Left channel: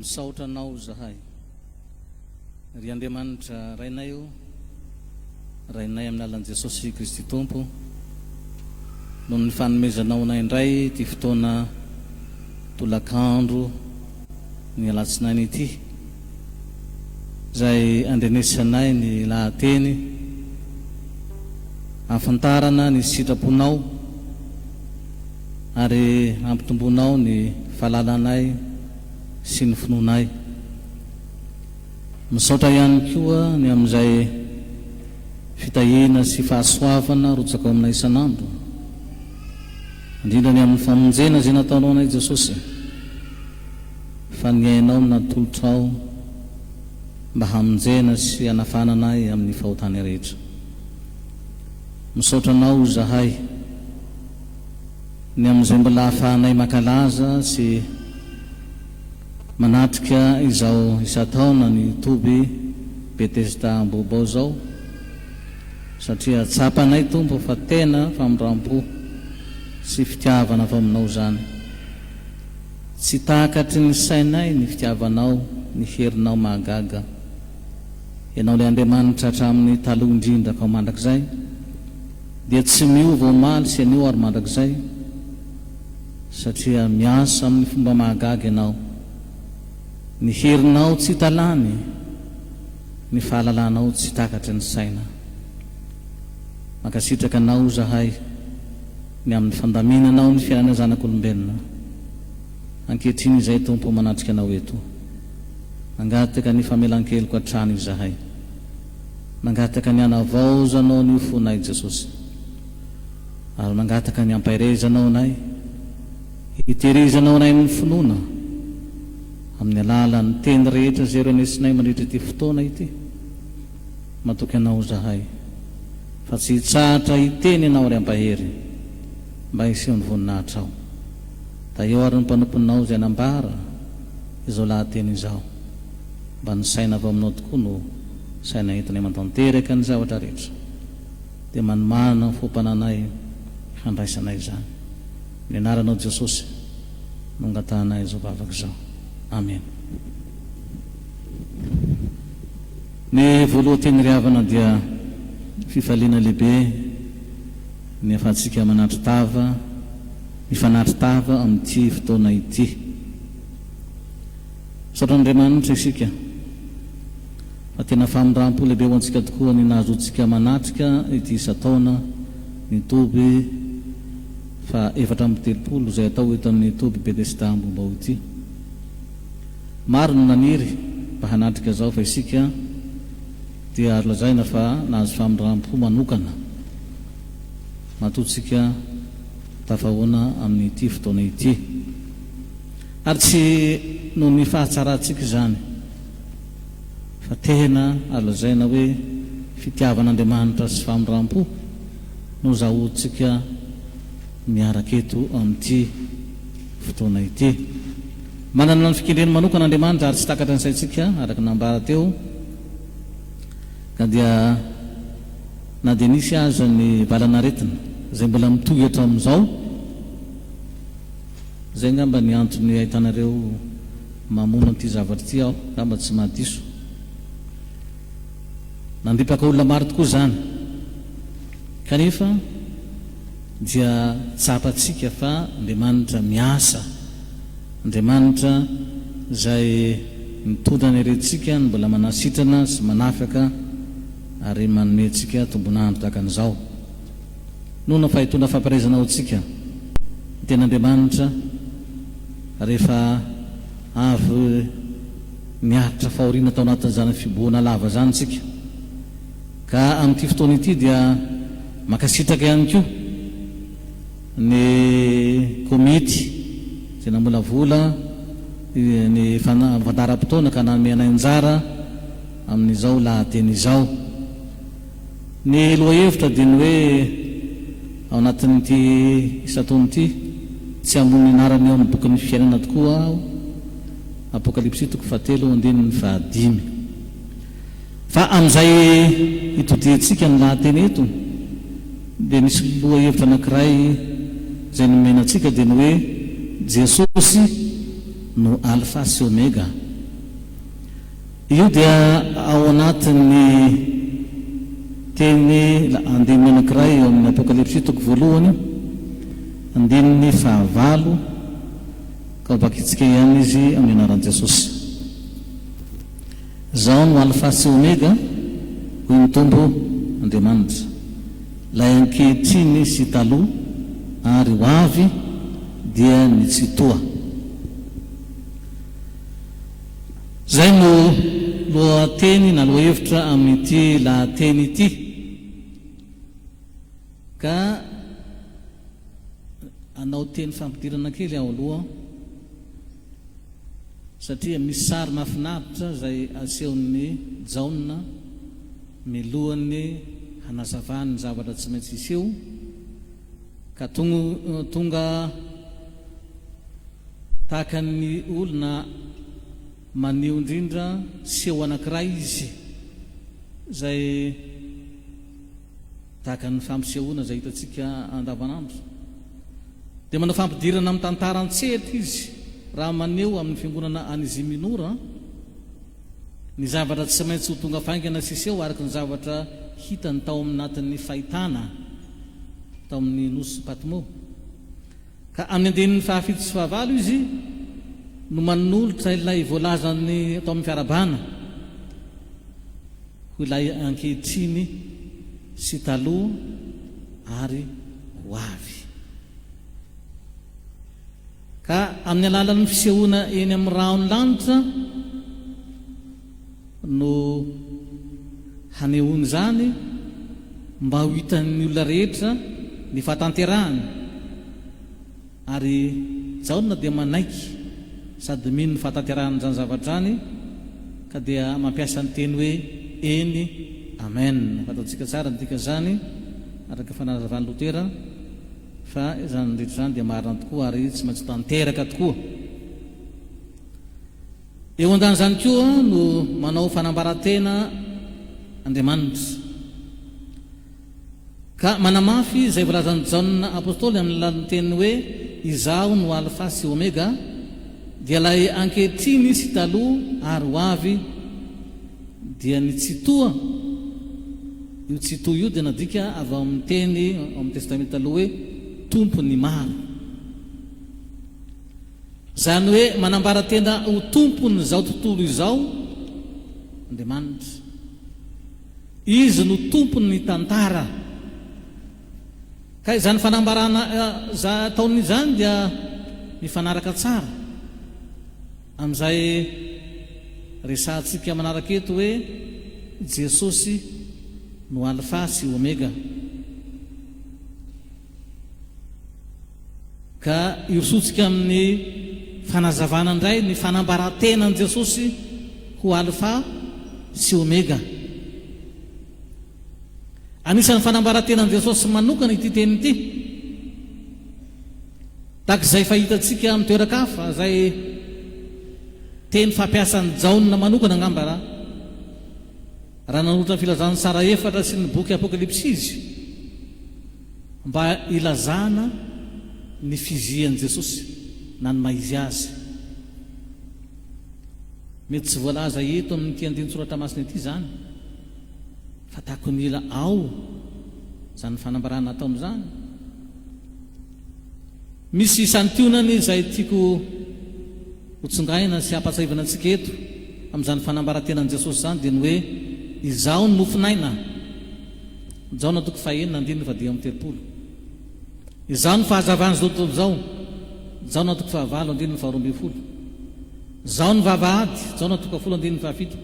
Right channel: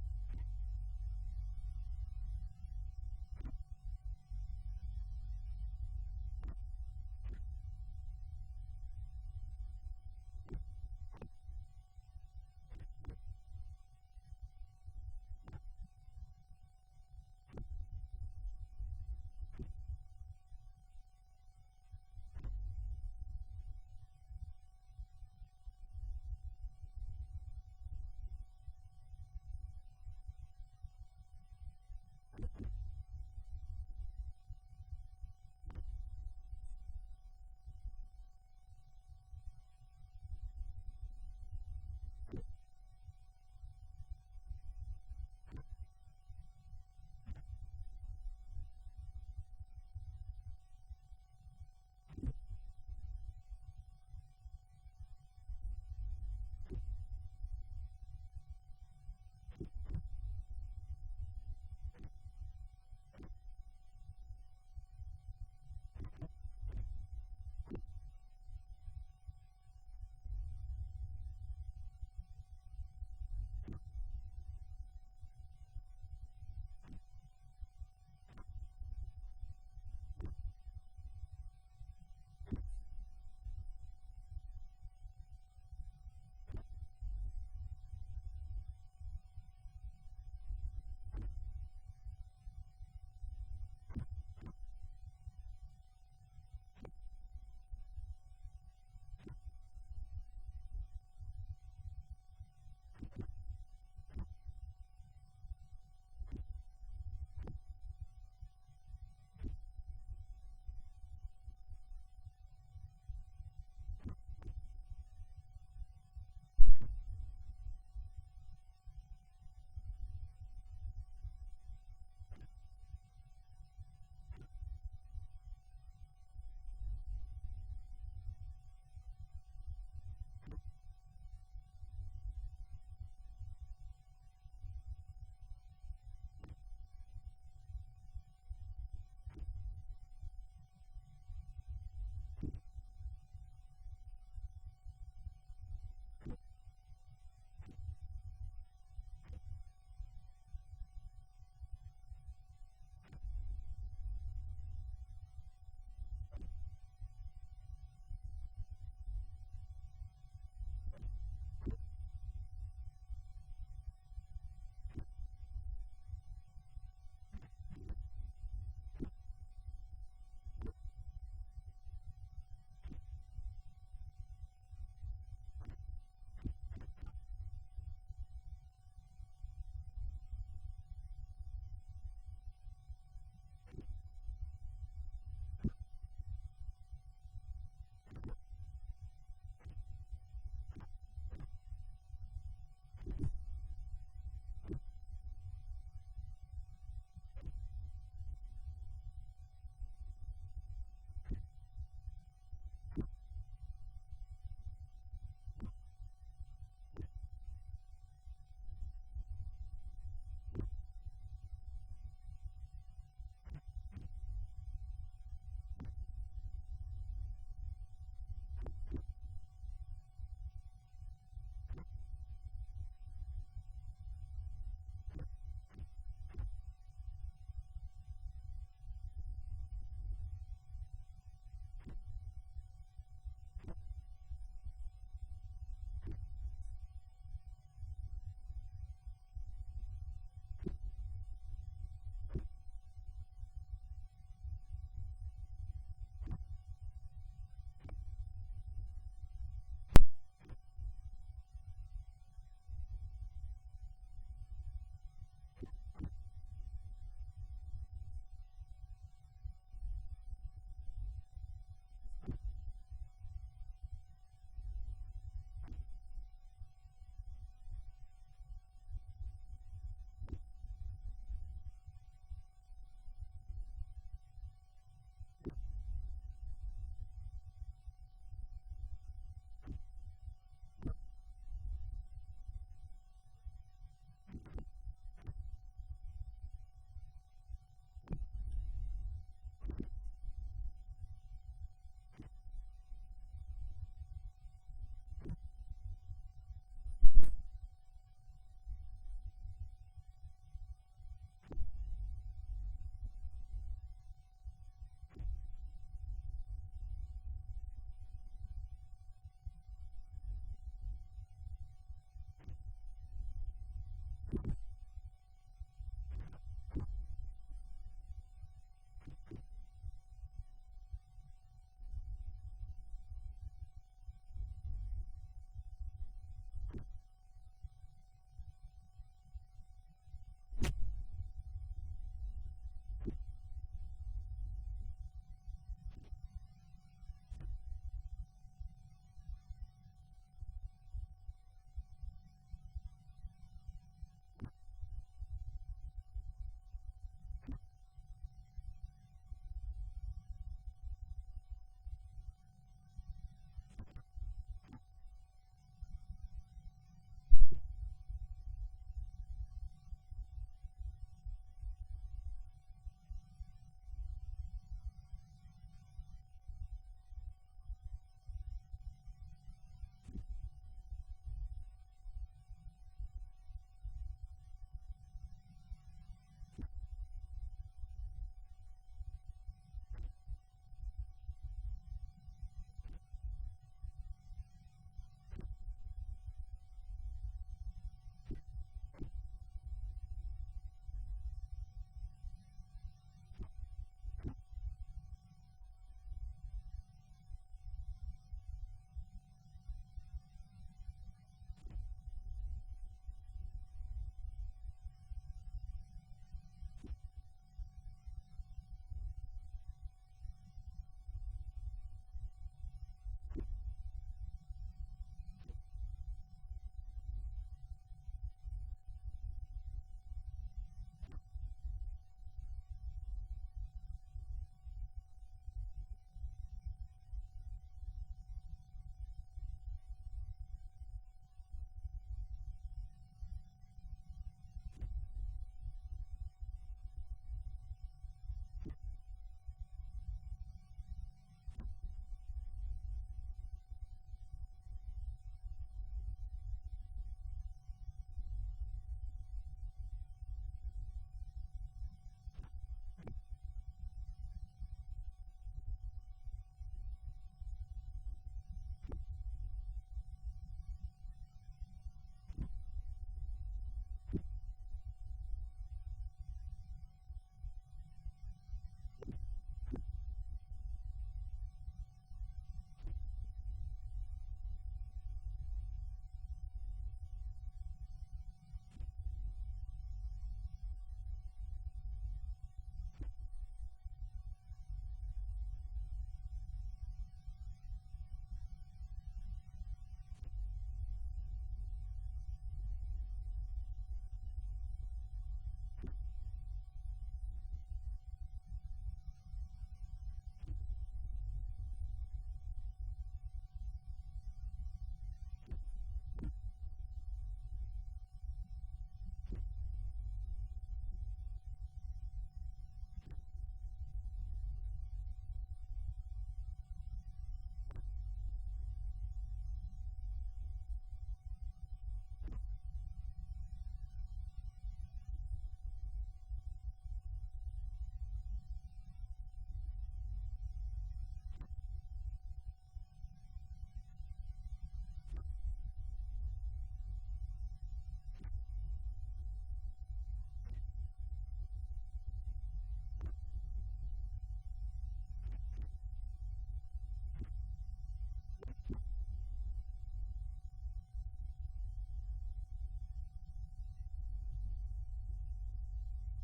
misaotranao zahay ry Andriamanitra rainay io rainay amin'ny alalan'i Jesosy Kristy Tompo noho ny fanomezanao anay indray ty fotoana tolakandro ny alatsinainy ity zay andrenesanay ny lahateny afantarana ny sitraponao ary ampitombonao ny fahalalanay sy ny finoanay. Misaotra ihany koa ny amin'izay fitahina sy fahasoavana rotsaka ao aminay isan'andro, indrindra ny amin'ny famonjena izay nataonao anay Jesosy, fa ny ainao natolotrao mba hamonjena sy hanafananay amin'ny fahotany rehetra. Misaotranao zahay ny amin'izay mbola ahafahanay makalaza sy manatrika izao isa-taona ny toby Betesda Ambobao zao, satria tsapanay Tompo fa tena famindrampo sy fitiavana avy aminao zany. Tsy takatry ny sainay ny fitiavanao, ny herinao mahagaga. Ianao ilay Andriamanitra hatramin'ny taloha indrindra ka mandrakizay, dia tsy miova omaly sy anio ary mandrakizay, satria miasa amin'ny fomba mahagaga ianao. Ny herinao tsy talany, ny fahalalanao tsy takatry ny saina. Makasitraka anao zahay ny amin'ny fandaminanao ny fiainana zanak'olombelona. Ankehitriny izay Tompo manatrika anao eto, mangataka ny famelan-keloka hatrany zahay, mangataka ny hanavaozanao ny fonay Jesosy, ary mangataka ny ampairezanao anay, hitehirizanao anay amin'ny finoana amin'ny alalan'ny teny rehetra zay renesinay mandritra ity fotoana ity. Matoky anao zahay fa tsy hitsahatra hiteny ianao ary ampahery mba hiseho ny voninahitra ao. Da eo ary ny mpanomponao izay nambara izao lahateny izao, mba ny saina avy aminao tokoa no saina entinay mantanteraka ny zavatra rehetra, dia manomana ny fompananay handraisanay zany. Ny anaranao Jesosy no angatanay izao vavaka izao. Amen. Ny voalohany ry havana dia fifaliana lehibe ny afahantsika manatry tava, mifanatry tava amin'ity fotoana ity. Misaotran'Andriamanitra isika fa tena famindrampo lehibe ho antsika tokoa ny nahazoantsika manatrika ity isa-taona ny toby fa 430 izay atao eto amin'ny toby Betesda Ambobao ity. Maro no naniry mba hanatrika zao, fa isika dia ary lazaina fa nahazo famindrampo manokana matotsika tafahoana amin'ity fotoana ity. Ary tsy noho ny fahatsaratsika zany, fa tena ary lazaina hoe fitiavan'Andriamanitra sy famindrampo no zahoantsika miaraka eto amin'ity fotoana ity. Manana ny fikendreny manokana Andriamanitra ary tsy takatra ny saintsika araka nambara teo, ka dia na dia nisy aza ny valanaretina zay mbola mitohatra amin'izao, zay ngamba ny antony ahitanareo mamono an'ity zavatra ity aho, ngamba tsy mahadiso. Nandripaka olona maro tokoa zany, kanefa dia tsapatsika fa Andriamanitra miasa, Andriamanitra zay mitondra ny herentsika ny mbola manasitrana sy manafaka ary manometsika tombonandro tahaka an'izao. Nohona fa hitondra fampiarezana antsika ny ten'Andriamanitra rehefa avy miaritra fahoriana tao anatin'izany fiboana lava zany tsika, ka amin'ity fotoana ity dia makasitraka ihany koa ny komity zay nambola vola ny fandaram-potoana ka nanome anjara amin'izao lahateny izao. Ny loha-hevitra dia ny hoe ao anatin'ity isa-taona ity tsy ambony anarany eo amin'ny bokin'ny fiainana tokoa aho, Apokalipsy 7:5. Fa amin'izay hitodintsika ny lahateny eto dia misy loha-hevitra anankiray zay nomenantsika dia ny hoe Jesosy no alfa sy omega, io dia ao anatin'ny teny andininy anankiray eo amin'ny apokalipsy toko voalohany andininy fahavalo ka bakitsika ihany izy amin'ny anaran'i Jesosy. Zao no alfa sy omega hoy ny Tombo Andriamanitra, ilay ankehitriny sy taloha ary ho avy dia ny tsy toa. Zay no lohateny na lohahevitra amin'ity lahateny ity. Ka anao teny fampidirana kely ao aloha satria misy sary mahafinaritra zay asehon'ny Jaona milohany hanazavany zavatra tsy maintsy iseho, ka tonga tahaka ny olona maneo indrindra seho anankiray izy zay tahaka ny fampisehoana zay hitantsika andavanandro. Dia manao fampidirana amin'ny tantara an-tsetra izy raha maneo amin'ny fiangonana any Ziminora ny zavatra tsy maintsy ho tonga faingana sy seho araka ny zavatra hitany tao aminatin'ny fahitana tao amin'ny nosy Patmo. Ka amin'ny andinin'ny fahafito sy fahavalo izy no manolotra ilay voalazany atao amin'ny fiarabana ho ilay ankehitriny sy taloha ary ho avy. Ka amin'ny alalan'ny fisehoana eny amin'ny rahony lanitra no hanehoany zany mba ho hitan'ny olona rehetra ny fahatanterahany, ary Jaona dia manaiky sady mino ny fahatanterahany zany zavatra zany, ka dia mampiasa ny teny hoe eny amen. Fataontsika tsara dika zany araka fanazavany Lotera fa zany rehetra zany dia marina tokoa ary tsy maintsy tanteraka tokoa. Eo andan zany koa no manao fanambaratena Andriamanitra, ka manamafy izay volazan'ny Jaona apôstôly amin'ny alalan'ny teny hoe izaho no alfa sy omega, dia ilay ankehitriny sy taloha ary ho avy dia ny tsy toa. Io tsy toa io dia nadika avy ao amin'ny teny amin'ny testamenta taloha hoe tompony maro, zany hoe manambaratena ho tompony zao tontolo izao Andriamanitra. Izy no tompony ny tantara, ka izany fanambarana taon'izany dia mifanaraka tsara amin'izay resantsika manaraka eto hoe Jesosy no alfa sy omega. Ka irosotsika amin'ny fanazavana indray ny fanambarantenan'i Jesosy ho alfa sy omega. Anisan'ny fanambarantenan'i Jesosy manokana ity teny ity, tahaka izay fahitatsika amin'ny toeran-kafa zay teny fampiasan'ny Jaona manokana angamba raha nanolotra ny filazan'ny sara efatra sy ny boky apokalipsy izy mba ilazana ny fizian'i Jesosy na ny maizy azy. Mety tsy voalaza eto amin'ity andinin-tsoratra masina ity zany, fa tahako ny ila ao zany fanambarana ataony zany. Misy santionany izay tiako hotsongaina sy hampatsahivana antsika eto amin'izany fanambarantenan'i Jesosy zany dia ny hoe izaho no nofinaina. Jaona toko fahaenina andininy fa dia am'telopolo. Izaho no fahazavany zao tontolo zao. Jaona toko fahavalo andininy faharoa ambin'ny folo. Izaho no vavahady. Jaona toko fahafolo andininy fahafito.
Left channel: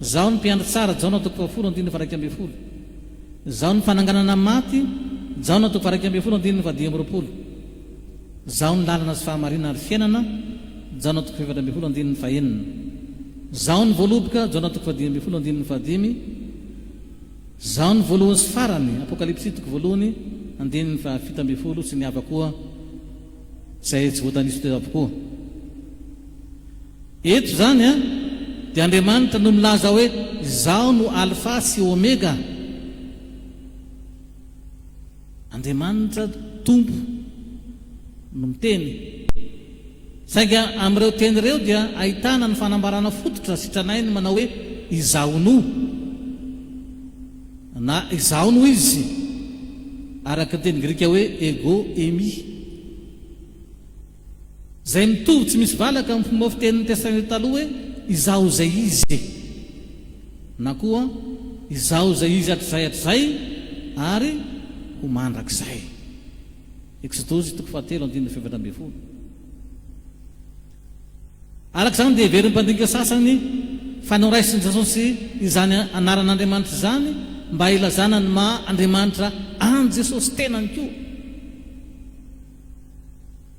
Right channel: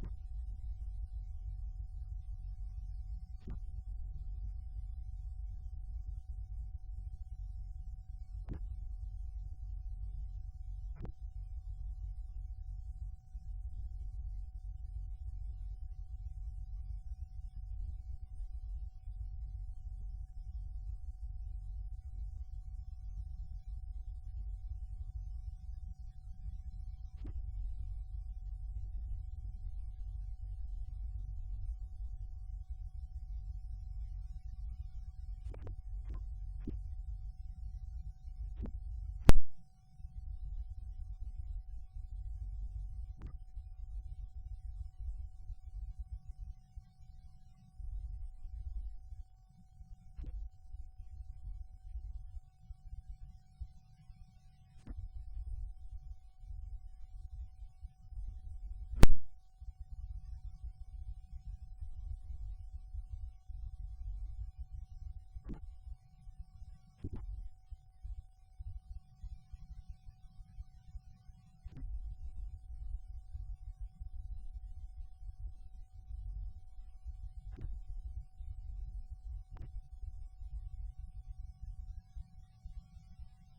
Izaho no mpiandry tsara. Jaona toko fahafolo andininy faharaiky ambin'ny folo. Izaho no fananganana maty. Jaona toko faharaiky ambin'ny folo andininy fahadimy amby roapolo. Izaho no lalana sy fahamarinana ary fiainana. Jaona toko fahaefatra ambin'ny folo andininy fahaenina. Izaho no voaloboka. Jaona toko fahadimy ambin'ny folo andininy fahadimy. Izaho no voalohany sy farany. Apokalipsy toko voalohany andininy fahafito ambin'ny folo sy ny hafa koa izay tsy voatanisa teo avokoa. Eto zany dia Andriamanitra no milaza hoe izaho no alfa sy omega. Andriamanitra tompo no miteny sainga amin'ireo teny ireo dia ahitana ny fanambarana fototra sitranay ny manao hoe izaono na izaono izy araka teny grika hoe ego emi zay mitovy tsy misy valaka amin'ny fomba fitenin'ny testament taloha hoe izao zay izy na koa izao zay izy hatrizay ary ho mandrakizay. Exodosy 3:7. Araka izany dia heveriny mpandinika sasany fanao raisin'i Jesosy izany anaran'Andriamanitra izany mba ilazana ny maha Andriamanitra an Jesosy tenany koa,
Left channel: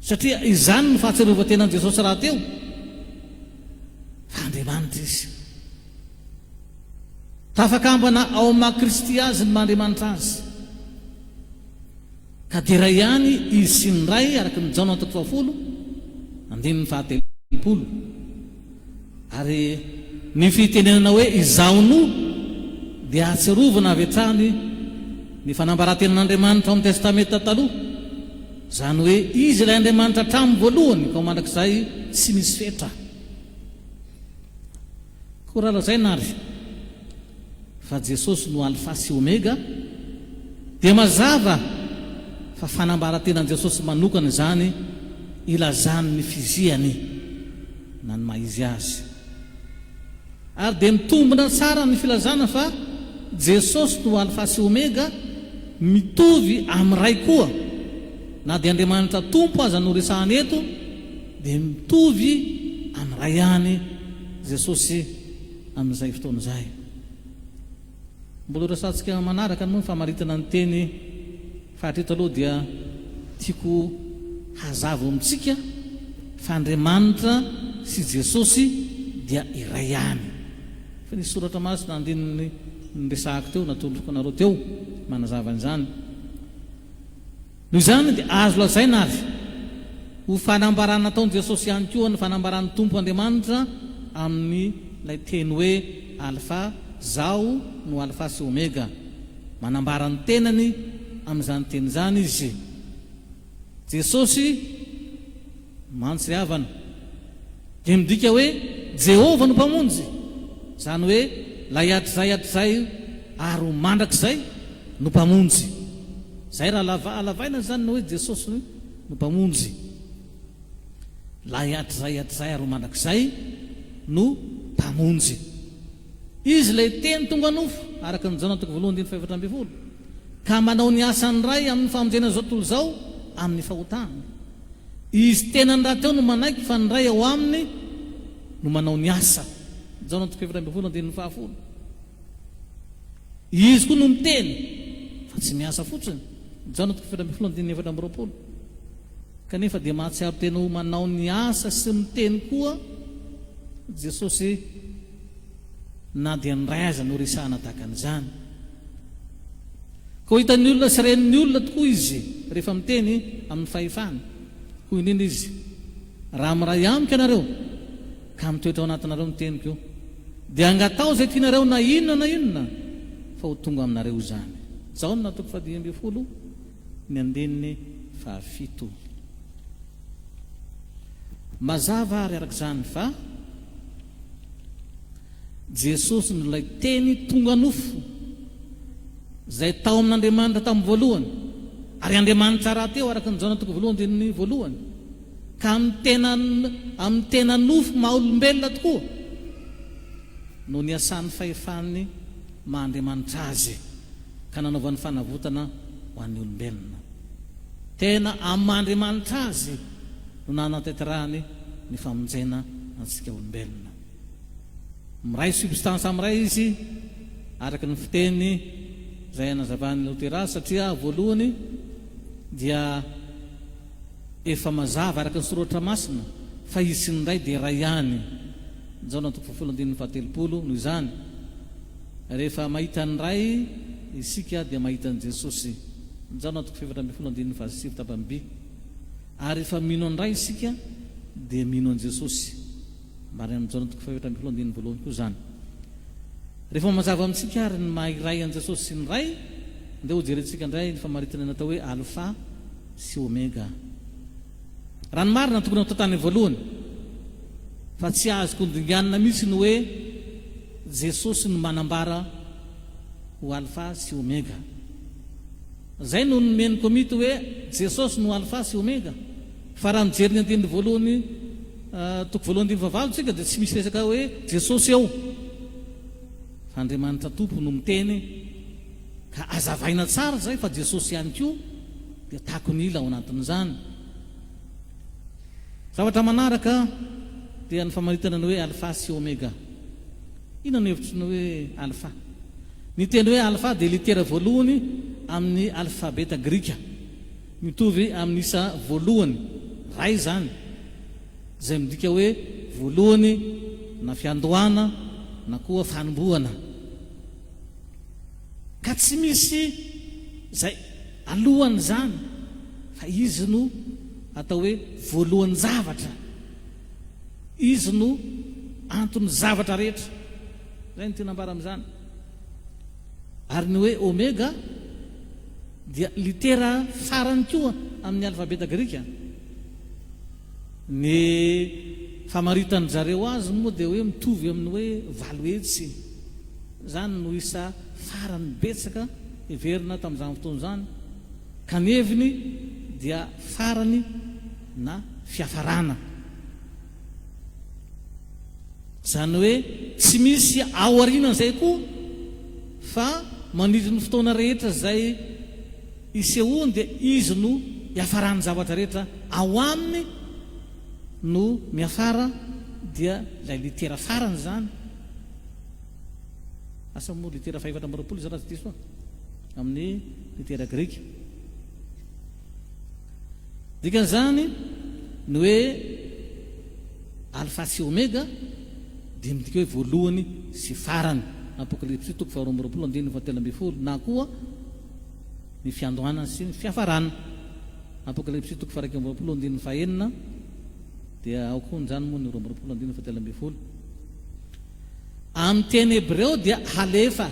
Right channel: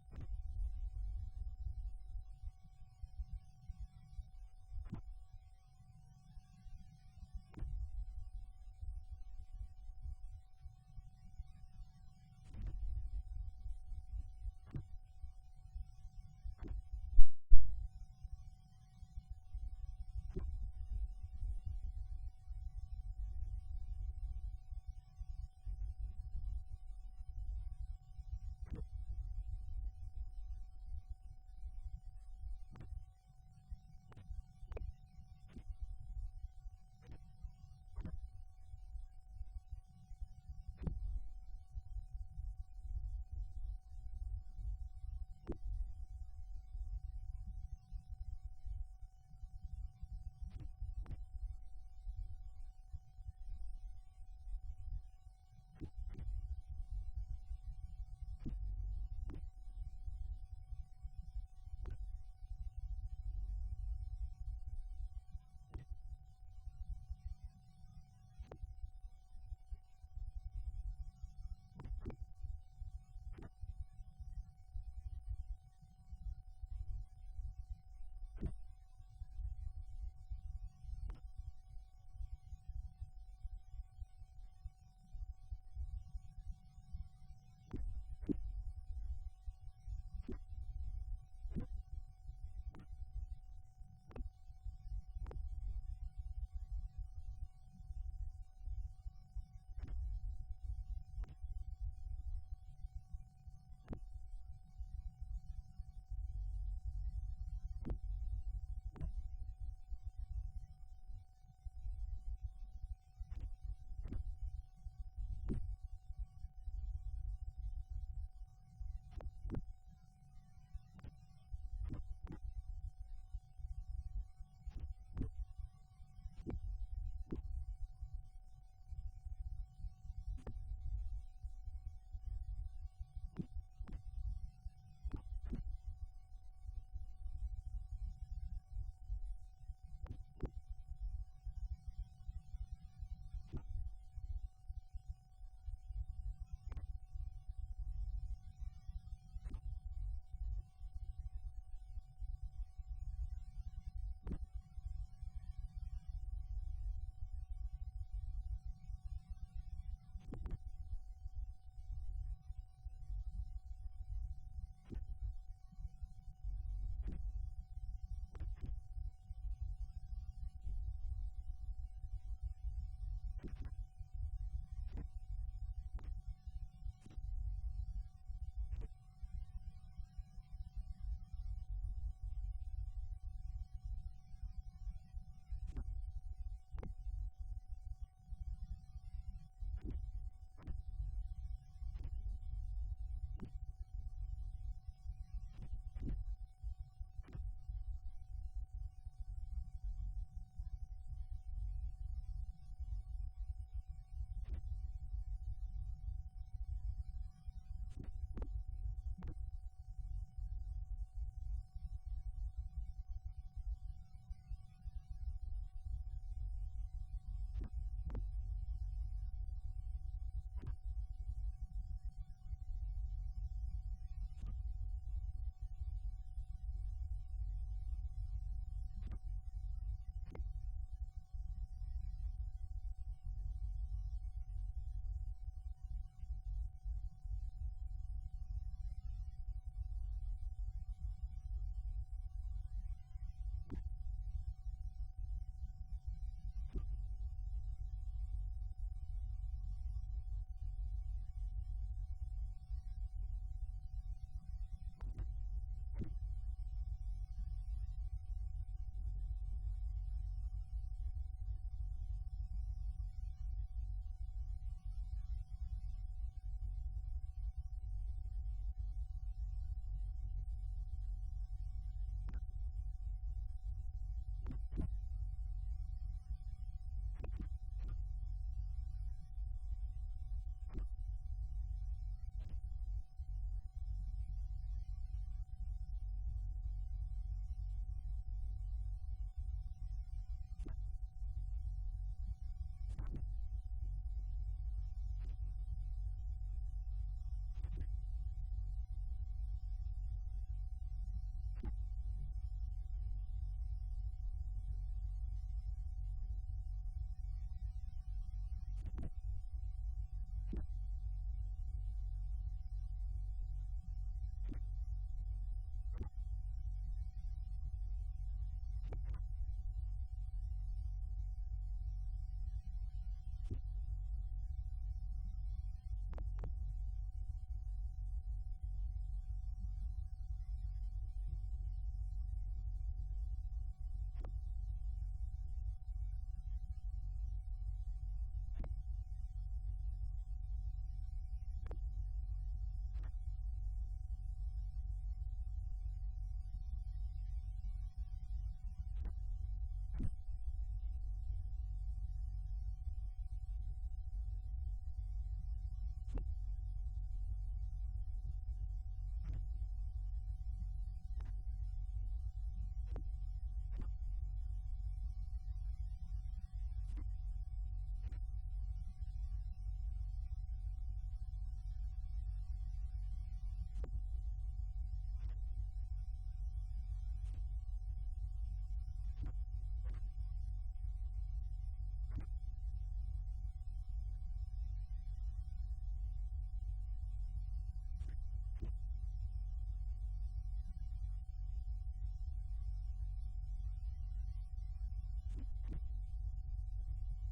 satria izany ny fahatsiarovan-tenan'i Jesosy raha teo fa Andriamanitra izy. Tafakambana ao maha Kristy azy ny maha-Andriamanitra azy, ka dia ray ihany izy sy ny ray araka ny Jaona 20:7. Ary ny fitenenana hoe izaono dia atsiarovana avy hatrany ny fanambaran-tenan'Andriamanitra ao amin'ny testamenta taloha, zany hoe izy ilay Andriamanitra hatramin'ny voalohany ka mandrakizay tsy misy fetra. Koa raha lazay nary fa Jesosy no alfa sy omega dia mazava fa fanambaran-tenan'i Jesosy manokana izany ilazany ny fiziany na ny maizy azy, ary dia mitombona tsara ny filazana fa Jesosy no alfa sy omega mitovy amin'ny ray koa, na dia Andriamanitra tompo aza no resahany eto dia mitovy amin'ny ray ihany Jesosy amin'izay fotoana izay. Mbola resantsika manaraka moa ny famaritana ny teny fahatreto aloha dia tiako hazava amintsika fa Andriamanitra sy Jesosy dia iray ihany. Fa nisy soratra masina andininy resahako teo natoloko anareo teo manazava an'izany. Noho izany dia azo lazaina ary ho fanambarana nataon'i Jesosy ihany koa ny fanambaran'ny Tompo Andriamanitra amin'ny ilay teny hoe alfa, zao no alfa sy omega, manambarany tenany amin'izany teny izany izy. Jesosy mantsy havana dia midika hoe Jehova no mpamonjy, zany hoe lay hatrizay ary ho mandrakizay no mpamonjy. Zay raha alavaina zany hoe Jesosy no mpamonjy, lay hatrizay ary ho mandrakizay no mpamonjy. Izy lay teny tonga nofo araka ny Jaona 1:7 ka manao ny asany ray amin'ny famonjena zao tontolo zao amin'ny fahotana. Izy tena ny raha teo no manaiky fa ny ray ao aminy no manao ny asa. Jaona 7:10. Izy koa no miteny fa tsy miasa fotsiny. Jaona 7:20. Kanefa dia mahatsiaro tena ho manao ny asa sy miteny koa Jesosy, na dia ny ray aza no resahana tahaka an'izany. Ko hitan'ny olona sy ren'ny olona tokoa izy rehefa miteny amin'ny fahefany. Hoy indrindra izy, raha miray amiko ianareo ka mitoetra ao anatinareo miteniko io dia angatao zay tianareo na inona fa ho tonga aminareo izany. Jaona 1:7. Mazava ary arak'izany fa Jesosy no lay teny tonga nofo zay tao amin'Andriamanitra tamin'ny voalohany, ary Andriamanitra raha teo araka ny Jaona 1:1 ka amin'ny tena nofo maha olombelona tokoa no niasany fahefany maha Andriamanitra azy ka nanaovan'ny fanavotana ho an'ny olombelona. Tena amin'ny maha Andriamanitra azy no nanatanterahany ny famonjena antsika olombelona. Miray substance amiray izy araka ny fiteny zay anazavan'ny Lotera, satria voalohany dia efa mazava araka ny soratra masina fa izy sy ny ray dia ray ihany. Jaona 1:7. Noho izany rehefa mahita ny ray isika dia mahita ny Jesosy. Jaona 7:7. Ary rehefa mino ny ray isika dia mino an Jesosy. Marina amin'ny Jaona 7:7 koa zany. Rehefa mazava amintsika ary ny maha-iray an Jesosy sy ny ray, dia ho jerentsika indray ny famaritana natao hoe alfa sy omega. raha ny marina tokony atao tany voalohany fa tsy azoko ndinganina mihitsy ny hoe Jesosy no manambara ho alfa sy omega. Zay no nomeniko mito hoe Jesosy no alfa sy omega. Fa raha mijery ny andininy voalohany toko voalohany andiny vavalo tsika dia tsy misy resaka hoe Jesosy eo fa Andriamanitra Tompo no miteny ka azavaina tsara zay fa Jesosy ihany koa dia tahako ny ila ao anatin'izany. Zavatra manaraka dia ny famaritana ny hoe alfa sy omega. Ina ny hevitry ny hoe alfa? Ny teny hoe alfa dia litera voalohany amin'ny alfabeta grika, mitovy amin'ny isa voalohany ray zany, zay midika hoe voalohany na fiandohana na koa fanombohana. Ka tsy misy zay alohany zany fa izy no atao hoe voalohany zavatra, izy no antony zavatra rehetra. Zay ny tena ambara amin'izany. Ary ny hoe omega dia litera farany koa amin'ny alfabeta grika. Ny famaritan'ny zareo azy moa dia hoe mitovy amin'ny hoe valo hetsy, zany no isa farany betsaka heverina tamin'izany fotoana zany, kaneviny dia farany na fiafarana. Zany hoe tsy misy ao aorianan'izay koa fa manidry ny fotoana rehetra zay isehoany dia izy no hiafarany zavatra rehetra ao aminy no miafara, dia ilay litera farany zany. Asa moa litera 420 zany raha tsy diso amin'ny litera grika. Dikan'izany ny hoe alfa sy omega dia midika hoe voalohany sy farany. Apokalipsy toko 2:20 na koa ny fiandohana sy ny fiafarana. Apokalipsy toko 1:19 dia ao koa zany moa ny 2:20. Amin'ny teny hebreo dia halefa,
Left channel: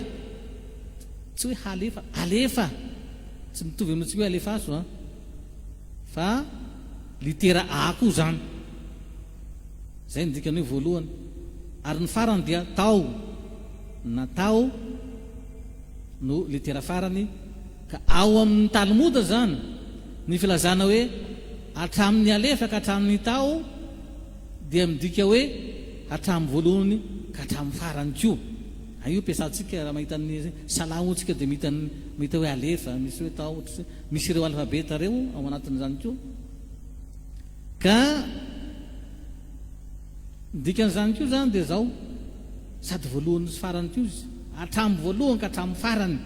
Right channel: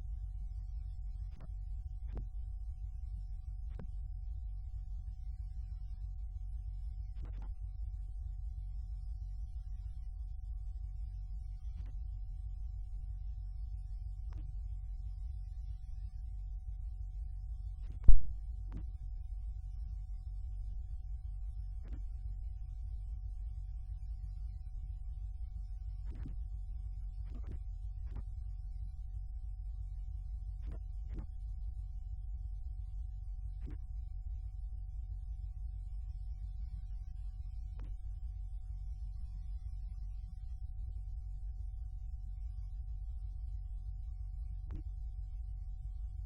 tsy hoe halefa, alefa, tsy mitovy amintsika hoe alefaso fa litera A koa zany. Zay ny dikany hoe voalohany. Ary ny farany dia tao, na tao no litera farany. Ka ao amin'ny Talmoda zany ny filazana hoe hatramin'ny alefa ka hatramin'ny tao dia midika hoe hatramin'ny voalohany ka hatramin'ny farany koa. Io piasantsika raha mahita ny salaotsika dia mahita hoe alefa, misy hoe tao, misy ireo alfabeta reo ao anatin'izany koa. Ka dikan'izany koa zany dia zao, sady voalohany sy farany koa izy, hatramin'ny voalohany ka hatramin'ny farany.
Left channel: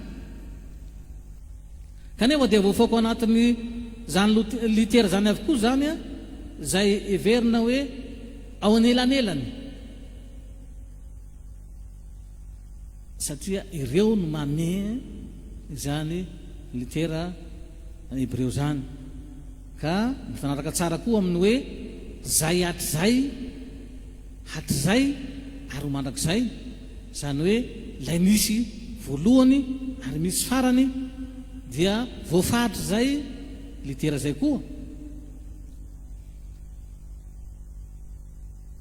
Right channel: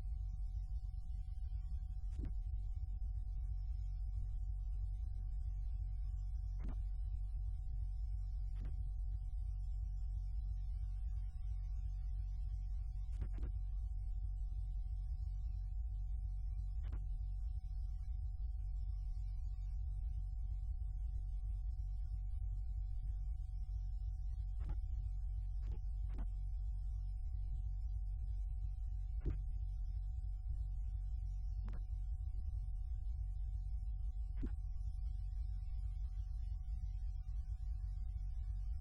Kanefa dia voafaoko anatin'ny zany litera zany avokoa zany zay heverina hoe ao anelanelany, satria ireo no mame zany litera hebreo zany. Ka mifanaraka tsara koa amin'ny hoe zay hatrizay ary ho mandrakizay, zany hoe ilay misy voalohany ary misy farany dia voafaritra zay litera zay koa.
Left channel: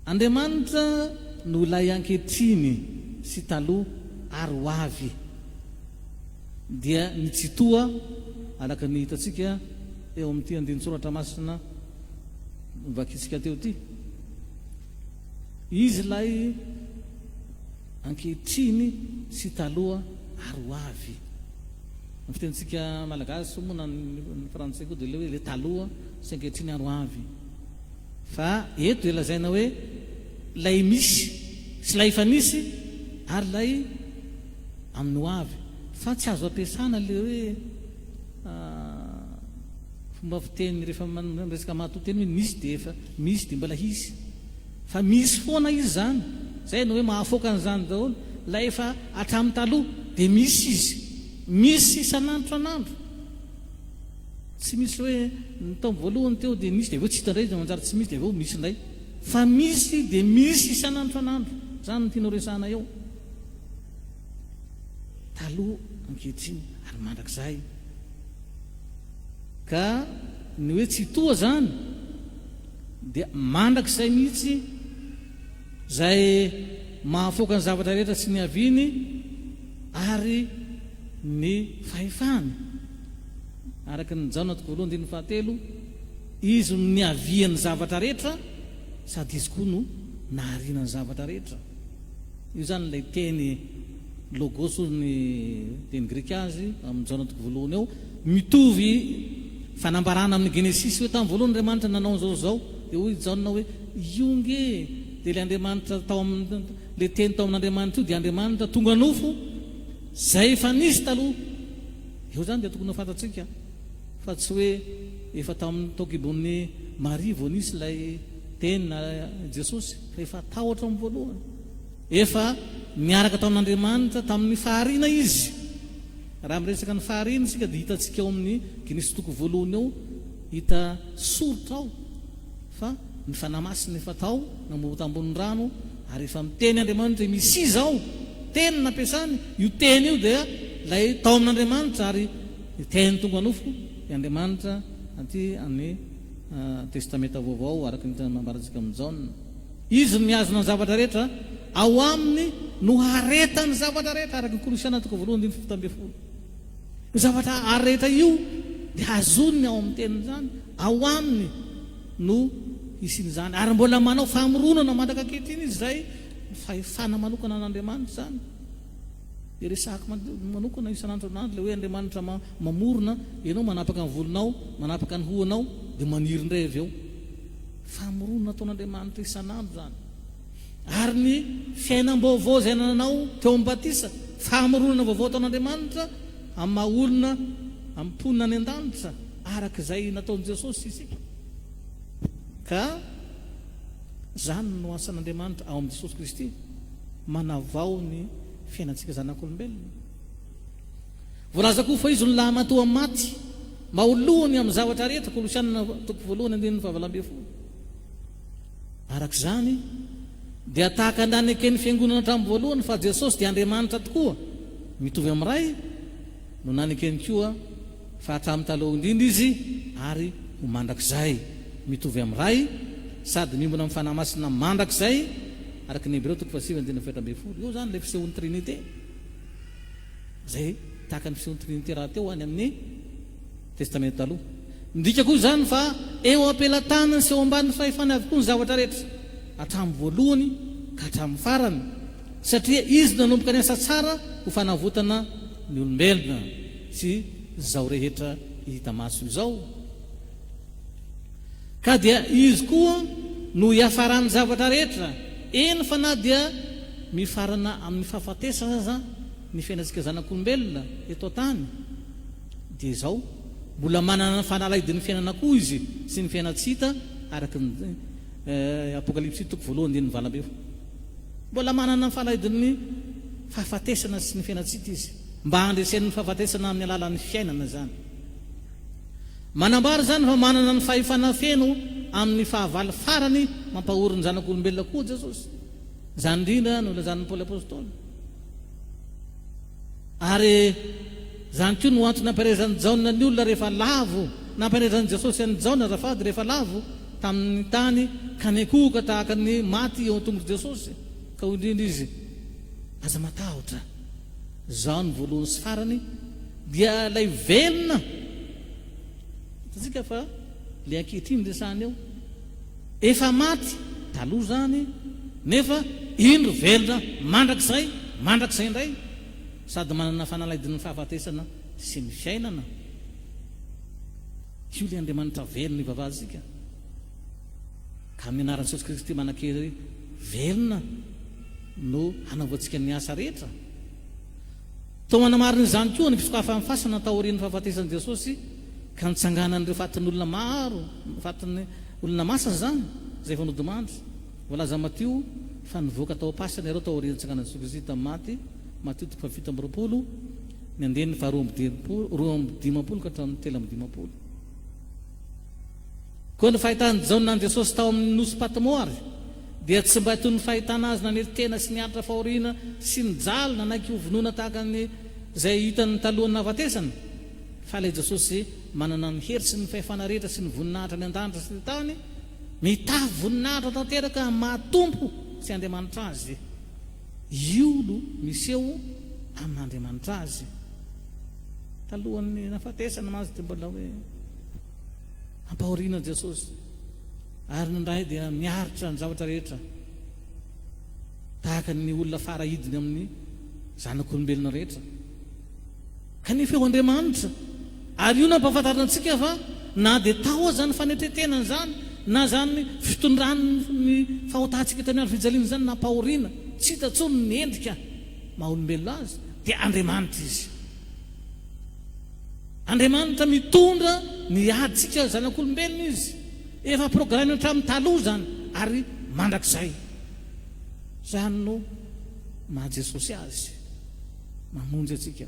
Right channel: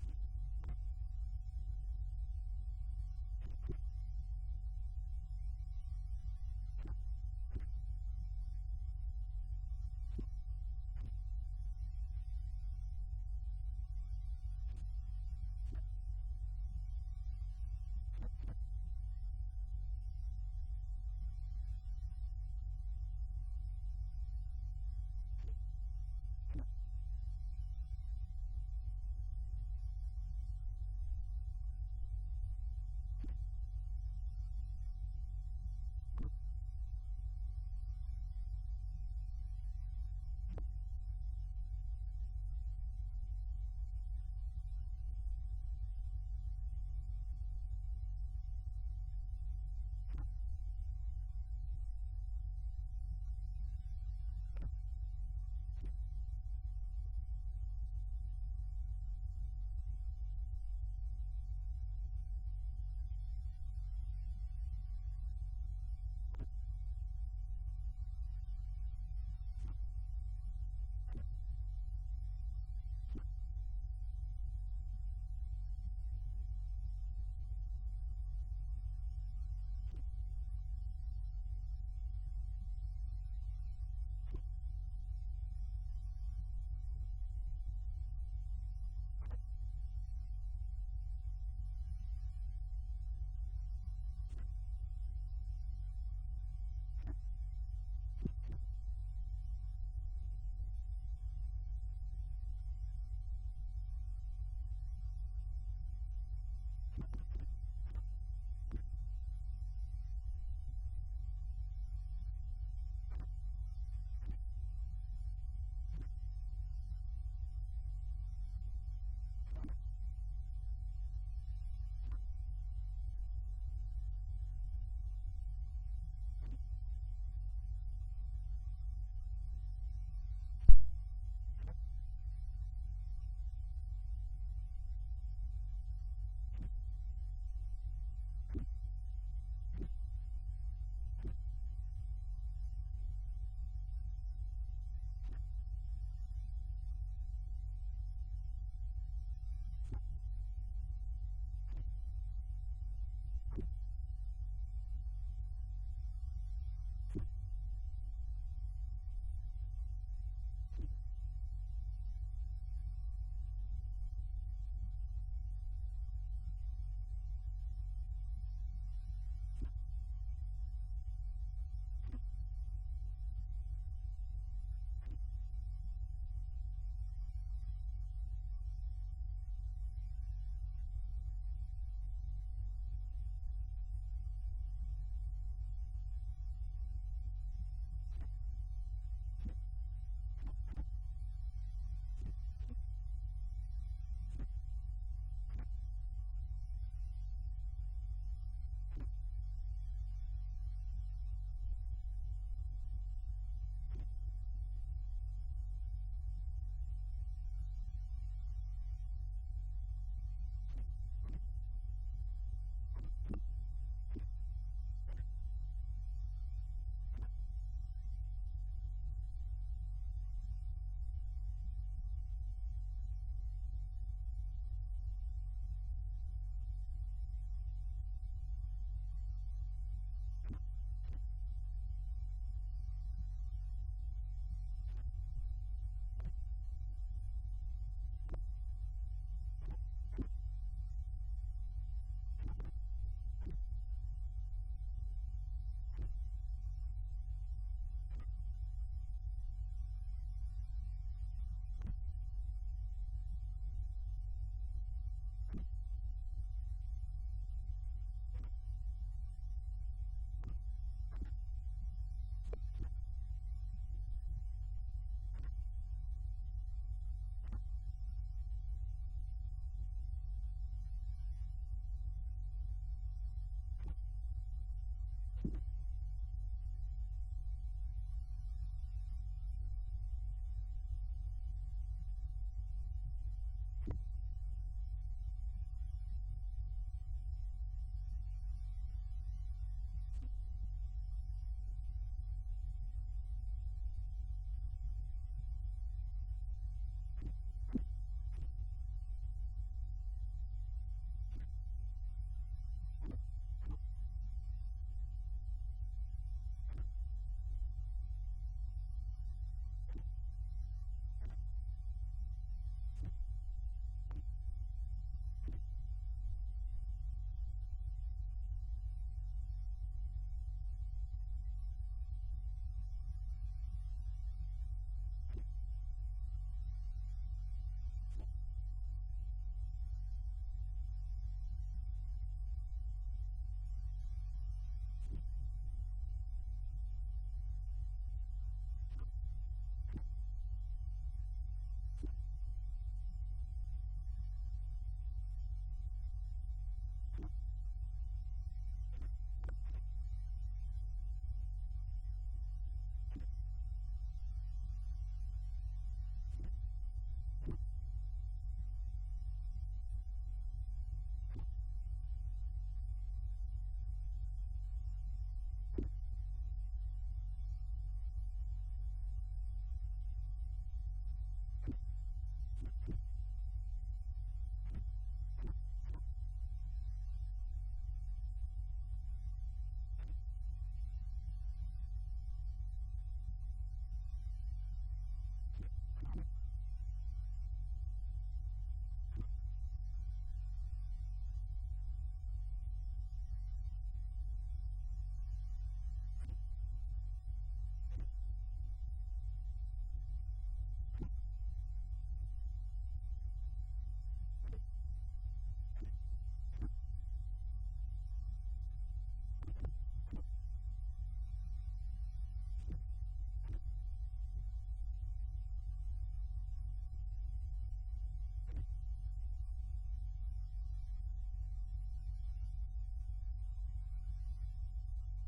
Andriamanitra no ilay ankehitriny sy taloha ary ho avy dia nitsitoa alaka ny hitatsika eo amin'ity andinin-tsoratra masina vakitsika teo ty. Izy lay ankehitriny sy taloha ary ho avy. Ny fitentsika malagasy moa na ny frantsay koa dia le hoe le taloha sy ankehitriny ary ho avy. Fa eto dia lazaina hoe lay misy sy lay efa nisy ary lay amin'ny ho avy. Fa tsy azo ampiasana le hoe fomba fiteny rehefa resaka mahatoteny hoe nisy dia efa misy dia mbola hisy, fa misy foana izy zany. Zay no hoe mahafoaka an'izany daholo. Lay efa hatramin'ny taloha dia misy izy, misy isan'andro an'andro. Tsy misy hoe ny taon'ny voalohany teo dia misy dia aveo tsy hitandray dia manjary tsy misy dia aveo misy indray, fa misy dia misy isan'andro an'andro. Zany no tianao resahana eo, taloha ankehitriny ary mandrakizay. Ka ny hoe tsy toa zany dia mandrak'izay mihitsy zay mahafoaka ny zavatra rehetra sy ny aviny ary ny fahefany araky ny Jaona toko voalohany diny fahatelo izy no niavian'ny zavatra rehetra sady izy koa no naharinany zavatra rehetra. Io zany lay teny logos ny teny grika azy amin'ny Jaona toko voalohany eo mitovy fanambarana amin'ny Genesis hoe tamin'ny voalohany Andriamanitra nanao zao dia hoy Jaona hoe ionge dia le Andriamanitra tao amin'ny le teny tao amin'Andriamanitra io dia Andriamanitra tonga nofo zay efa nisy taloha. Io zany dia tokony ho fantatsika fa tsy hoe efa tamin'ny tokibon'ny Maria vao nisy lay teny na Jesosy fa efa tao hatramin'ny voalohany, efa niaraka tao amin'Andriamanitra tamin'ny fahariana izy. Raha miresaka ny fahariana isika dia hitantsika eo amin'ny Genesis toko voalohany eo hita soritra ao fa ny fanamasina efa tao namoata ambonin'ny rano ary efa miteny Andriamanitra misy izao teny nampiasany. Io teny io dia lay tao amin'Andriamanitra ary teny tonga nofo i Andriamanitra aty amin'ny testamenta vaovao araka ny mambarantsika amin'ny Jaona. Izy niazona ny zavatra rehetra ao aminy no haretany zavatra rehetra araka ny Kolosiana toko voalohany 7:10. Io zavatra arehetra io dia azoniny ao amin'ny teny zany, ao aminy no isin' zany ary mbola manao famoronana mandaka ankehitriny izy zay fahefana manokana an'Andriamanitra zany. Dia resahako manokana isan'andro le hoe Andriamanitra mamorona, ianao manapaka ny volonao, manapaka ny hoanao dia maniry indray avy eo. Famoronana ataon'Andriamanitra isan'andro zany. Ary ny fiainam-baovao izay nanao teo amin'ny batisa, famoronana vaovao ataon'Andriamanitra amin'ny maha olona amin'ny mponina any an-danitra araka izay nataon'i Jesosy isika. Ka zany no asan'Andriamanitra ao amin'ny Jesosy Kristy, manavao ny fiainantsika zanak'olombelona. Voalaza koa fa izy no lahamatoa amin'ny maty, mahalohany amin'ny zavatra rehetra, Kolosiana toko voalohany 9:12. Araka izany dia tahaka naneke ny fiangonana hatramin'ny voalohany fa Jesosy dia Andriamanitra tokoa, mitovy amin'ny ray no nanekeny koa fa hatramin'ny taloha indrindra izy ary ho mandrakizay mitovy amin'ny ray sady mimbona amin'ny fanahymasina mandrakizay araka ny Hébreo 7:7. Io zany le fisehoan'ny Trinité zay tahaka ny fisehoan'ny Trinité raha teo any amin'ny testamenta taloha. Ndika koa zany fa eo ampelantanany sy eo amban'ny fahefany avokoa ny zavatra rehetra hatramin'ny voalohany ka hatramin'ny farany, satria izy nanomboka ny asa tsara ho fanavotana ny olombelona sy zao rehetra hita maso izao. Ka dia izy koa no hiafarany zavatra rehetra, eny fa na dia mifarana amin'ny fahafatesana ny fiainantsika zanak'olombelona eto tany dia izao mbola manana ny fanalaidin'ny fiainana koa izy sy ny fiainatsita araka ny Apokalipsy toko voalohany 9:12. Mbola manana ny fanalaidin'ny fahafatesana sy ny fiainatsita izy mba handresen'ny fahafatesana amin'ny alalan'ny fiainana zany. Manambara zany fa manana ny fahefana feno amin'ny fahavalo farany mampahoriny zanak'olombelona koa Jesosy. Zany indrindra no lazan'ny Paoly apôstôly. Ary zany koa no antony nampiarezan'ny Jaona ny olona rehefa lavo, nampiarezan'i Jesosy an'ny Jaona azafady rehefa lavo tamin'ny tany ka nekoka tahaka ny maty eo an-tongotra Jesosy. Ka ho indrindra izy aza matahotra zao ny voalohany sy farany dia lay velona tsika fa le ankehitriny resahany eo efa maty taloha zany nefa indro velona mandrakizay indray sady manana fanalaidin'ny fahafatesana sy ny fiainana. Io le Andriamanitra velona ivavazika ka amin'ny anaran'i Jesosy Kristy manan-kery velona no hanaovantsika ny asa rehetra. Tao manamarina izany koa ny fisokafa amin'ny fasana tao aorian'ny fahafatesan'i Jesosy ka nitsanganan'ireo fatin'ny olona maro, fatin'ny olona masina zany zay efa nodimandry. Voalaza Matio fa nivoaka tao am-pasana ireo tao aorian'ny nitsanganan'i Jesosy Kristy tamin'ny maty, Matio 7:20, ny andeniny fa 2:10 ka hatramin'ny 3:10. Koa ny fahitany Jaona an Jesosy tao amin'ny nosy Patmoary dia tsy mba toy ny fahitana azy naneritena sy nianatra fahoriana sy ny jalo nanaiky hovonoana tahaka ny zay hitany talohan'ny nahafatesana, fa ilay Jesosy manana ny hery sy ny fahefana rehetra sy ny voninahitra ny an-danitra sy ny tany mitavy voninahitra tanteraka mahatompo sy Andriamanitra azy. Io no miseho amin'Andriamanitra azy. Talohan'ny nafatesana mazy dia mbola hoe ampahoriana Jesosy ary nindray dia miaritra ny zavatra rehetra tahaka ny olona farahidiny amin'ny zanak'olombelona rehetra. Kanefa eo Andriamanitra, ary io nampahafantarina antsika fa na dia tao zany fanetretenana zany na zany fitondrany fahotantsika tany andro fijaliana zany nampahoriana tsy hita tsony ny endrika maha-olombelona azy dia Andriamanitra izy. Andriamanitra mitondra ny aditsika zanak'olombelona izy, efa programme hatramin'ny taloha zany ary mandrakizay. Zany no maha Jesosy azy mamonjy atsika.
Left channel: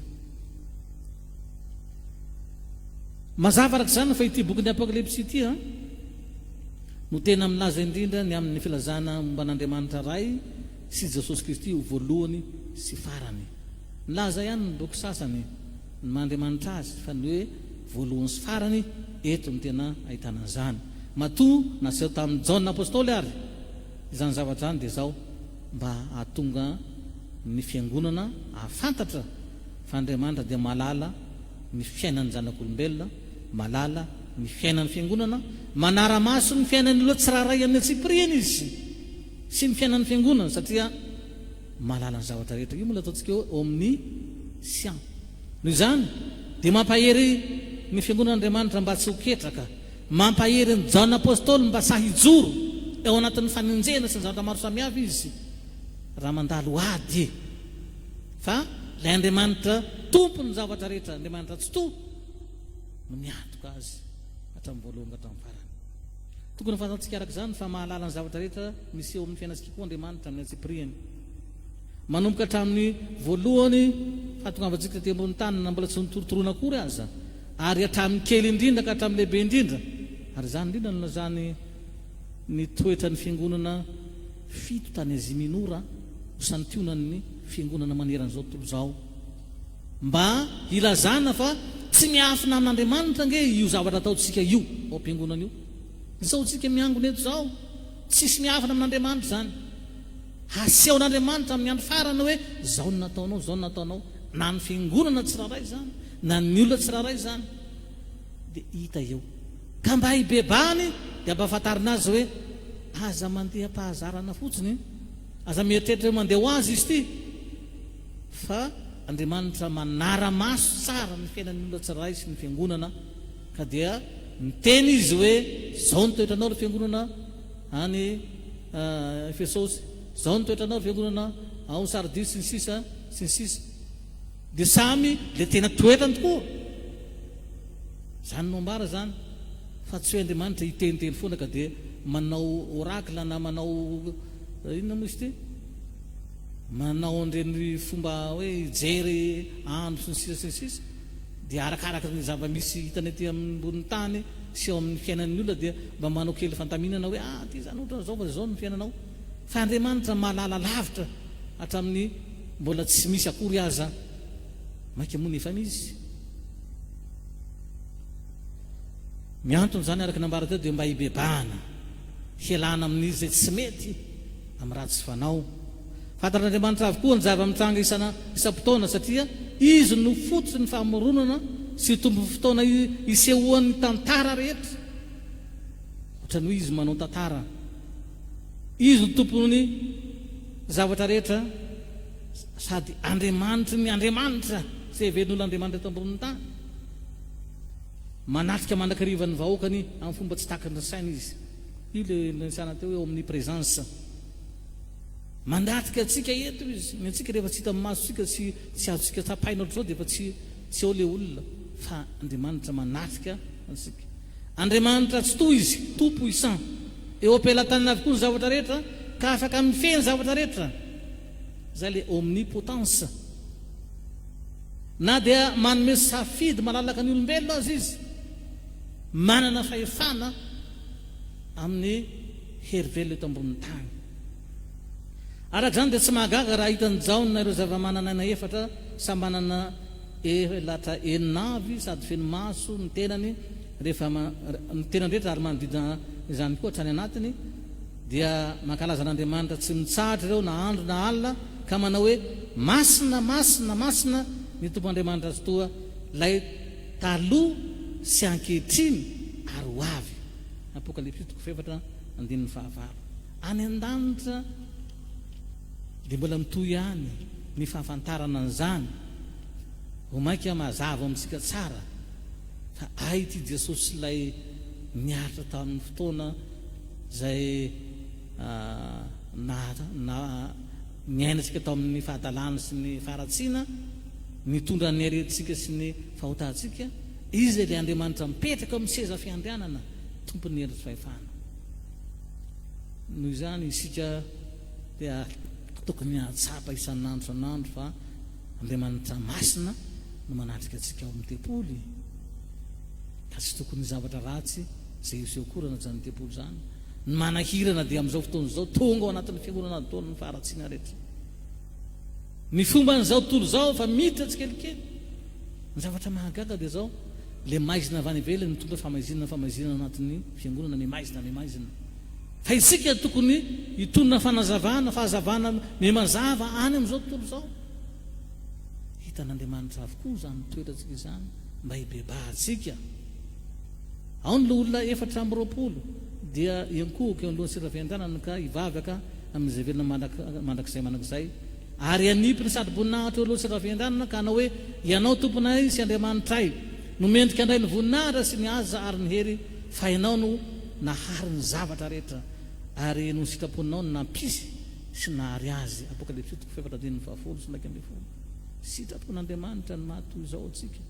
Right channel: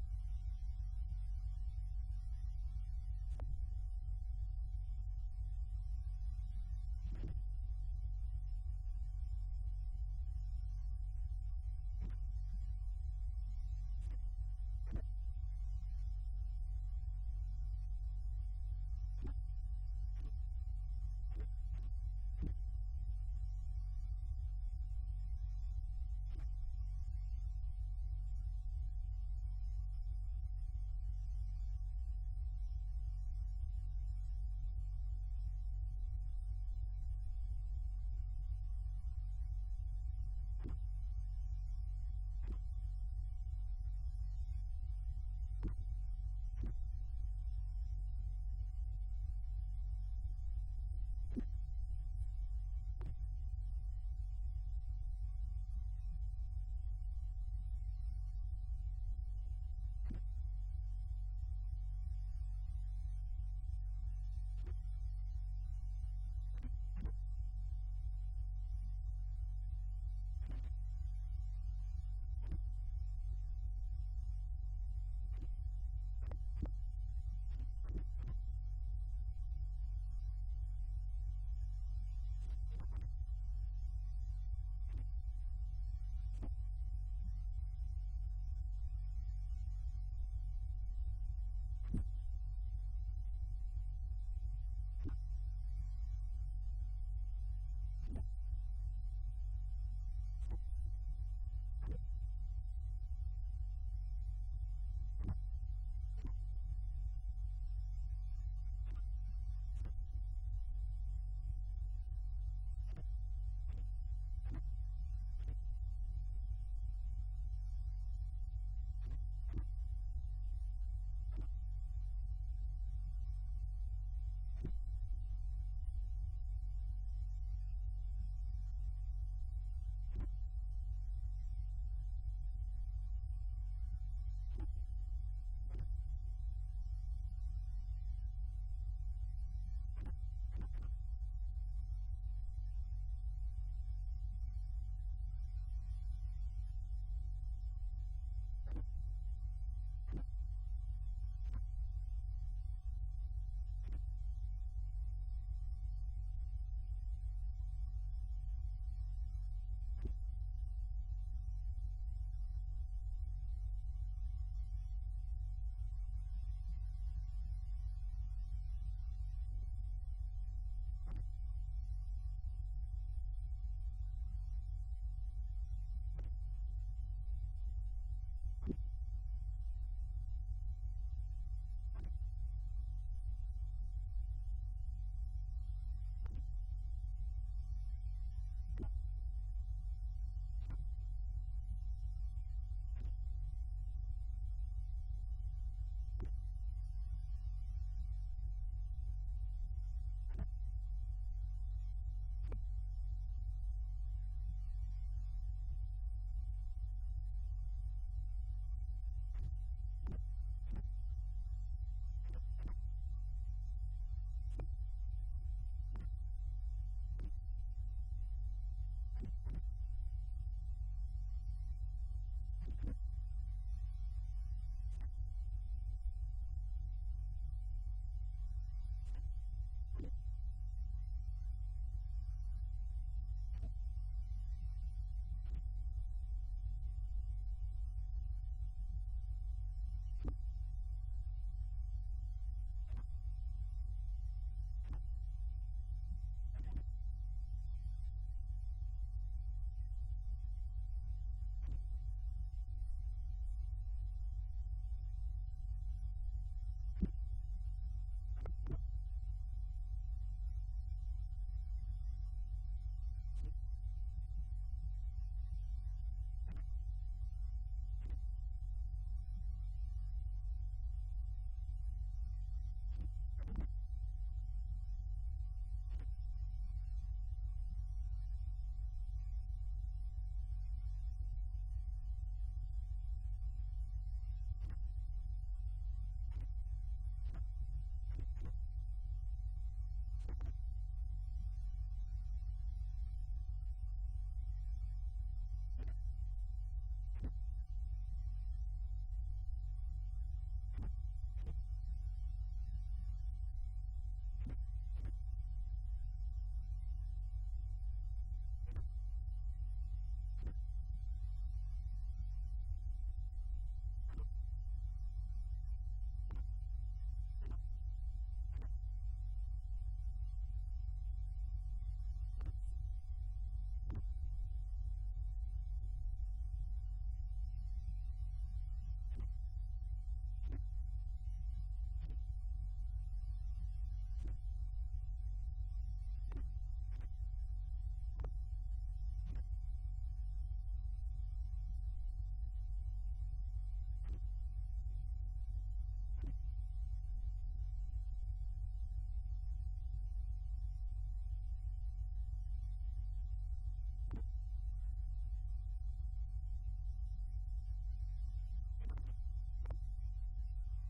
Mazava arak'izany fa ity bokin'ny Apokalipsy ity no tena milaza indrindra ny amin'ny filazana momba n'Andriamanitra ray sy Jesosy Kristy ho voalohany sy farany. Milaza ihany ny boky sasany ny Andriamanitra azy fa ny hoe voalohany sy farany, eto no tena ahitana zany. Matoa naseho tamin'ny Jaona apôstôly ary izany zavatra zany dia zao mba ahatonga ny fiangonana ahafantatra fa Andriamanitra dia malala ny fiainan'ny zanak'olombelona, malala ny fiainan'ny fiangonana, manara-maso ny fiainan'ny olona tsiraray amin'ny Tsipriana izy sy ny fiainan'ny fiangonana satria malala ny zavatra rehetra. Io mola ataontsika eo amin'ny sian. Noho izany dia mampahery ny fiangonan'Andriamanitra mba tsy ho ketraka, mampahery ny Jaona apôstôly mba sahijoro eo anatin'ny faninjena sy ny zavatra maro samihafa izy raha mandalo ady. Fa ilay Andriamanitra tompo ny zavatra rehetra, Andriamanitra tsy to no miatoka azy hatramin'ny voalohany ka hatramin'ny farany. Tokony fantatsika araka izany fa mahalala ny zavatra rehetra misy eo amin'ny fiainantsika koa Andriamanitra amin'ny Tsipriany, manomboka hatramin'ny voalohany fahatongavantsika teo ambony tany na mbola tsy nitorotoroana akory aza, ary hatramin'ny kely indrindra ka hatramin'ny lehibe indrindra. Ary zany indrindra no lazany ny toetra ny fiangonana fito tany Azia Minora ho santionan'ny fiangonana maneran'izao tontolo izao, mba ilazana fa tsy miafina amin'Andriamanitra nge io zavatra ataontsika io ao am-piangonana io. Izao tsika miangona eto zao tsisy miafina amin'Andriamanitra zany, asehon'Andriamanitra amin'ny andro farany hoe zao no nataonao, zao no nataonao, na ny fiangonana tsiraray zany na ny olona tsiraray zany dia hita eo. Ka mba hibebany dia mba afantarina azy hoe aza mandeha mpahazarana fotsiny, aza mieritreritra mandeha ho azy izy ity, fa Andriamanitra manara-maso tsara ny fiainan'ny olona tsiraray sy ny fiangonana. Ka dia miteny izy hoe zao ny toetranao ny fiangonana any Efesosy, zao ny toetranao ny fiangonana ao Sardis sy ny sisa sy ny sisa, dia samy le tena toetrany tokoa. Zany no ambara zany fa tsy hoe Andriamanitra hiteniteny foana ka dia manao orakla na manao inona moa izy ity, manao an'ireny fomba hoe jery andro sy ny sisa sy ny sisa, dia arakaraka ny zava-misy hitany aty ambony tany sy eo amin'ny fiainan'ny olona dia mba manao kely fantaminana hoe ty zany ohatra zao fa zao ny fiainanao. Fa Andriamanitra mahalala lavitra hatramin'ny mbola tsy misy akory aza maika moa nefa misy. Miantony zany araka nambara teo dia mba hibebana, hialana amin'izy zay tsy mety amin'ny ratsy fanao. Fantatr'Andriamanitra avokoa ny zava-mitranga isam-potoana satria izy no fototsy ny famoronana sy tombo fotoana isehoan'ny tantara rehetra. Ohatran'ny hoe izy manao tantara, izy no tompony zavatra rehetra, sady Andriamanitra ny Andriamanitra izay heveren'olon'Andriamanitra eto ambony tany, manatrika mandrakariva ny vahoakany amin'ny fomba tsy takany ny saina izy. Io le nisana teo eo amin'ny présence, mandatrika atsika eto izy. Ny atsika rehefa tsy hita amin'ny masotsika tsy azontsika tapaina ohatr'izao dia efa tsy eo le olona, fa Andriamanitra manatrika atsika. Andriamanitra tsy to izy tompo isan, eo am-pelantanana avokoa ny zavatra rehetra ka afaka mifehy ny zavatra rehetra. Zay le omnipotence. Na dia manome safidy malalaka ny olombelona azy izy, manana fahefana amin'ny herivelona eto ambonin'ny tany. Araka izany dia tsy mahagaga raha hitany Jaona ireo zava-mananana efatra samy manana elatra enina avy sady feno maso ny tenany rehefa ny tenany rehetra ary manodidina izany koa trany anatiny dia mankalaza n'Andriamanitra tsy mitsahatra ireo na andro na alina ka manao hoe masina masina masina ny tompo Andriamanitra azy toa lay taloha sy ankehitriny ary ho avy. Apokalipsy 7:19. Any an-danitra dia mbola mitohy ihany ny fahafantarana an'izany ho mainka mazava amintsika tsara fa ay ity Jesosy lay niaritra tamin'ny fotoana zay niainatsika tao amin'ny fahatalana sy ny faharatsiana, nitondra ny aretintsika sy ny fahotantsika. Izy ilay Andriamanitra mipetraka amin'ny seza fiandrianana, tompony hery fahefana. Noho izany isika dia tokony hatsapa isan'andro isan'andro fa Andriamanitra masina no manatrika antsika ao amin'ny tempoly, ka tsy tokony zavatra ratsy zay iseho korana zany tempoly zany. Ny manahirana dia amin'izao fotoana izao tonga ao anatin'ny fiangonana taon'ny faharatsiana rehetra. Ny fomba n'izao tontolo izao fa miditra tsikelikely. Ny zavatra mahagaga dia zao le maizina avy any ivelany mitondra famaizina anatin'ny fiangonana memaizina. Fa isika tokony hitondra fahazavana mazava any amin'izao tontolo izao. Hitan'Andriamanitra avokoa zany toerantsika izany mba hibebahantsika. Ao ny olona 420 dia iankohaka eo alohan'ny seza fiandrianana ka hivavaka amin'izay velona mandrakizay ary anipiny sady voninahitra eo alohan'ny seza fiandrianana ka hanao hoe ianao tomponay sy Andriamanitray no mendrika andray ny voninahitra sy ny aza ary ny hery fa ianao no nahary ny zavatra rehetra ary no sitraponinao no nampisy sy nahary azy. Apokalipsy 7:20. Sitrapon'Andriamanitra ny mahatoy izao atsika,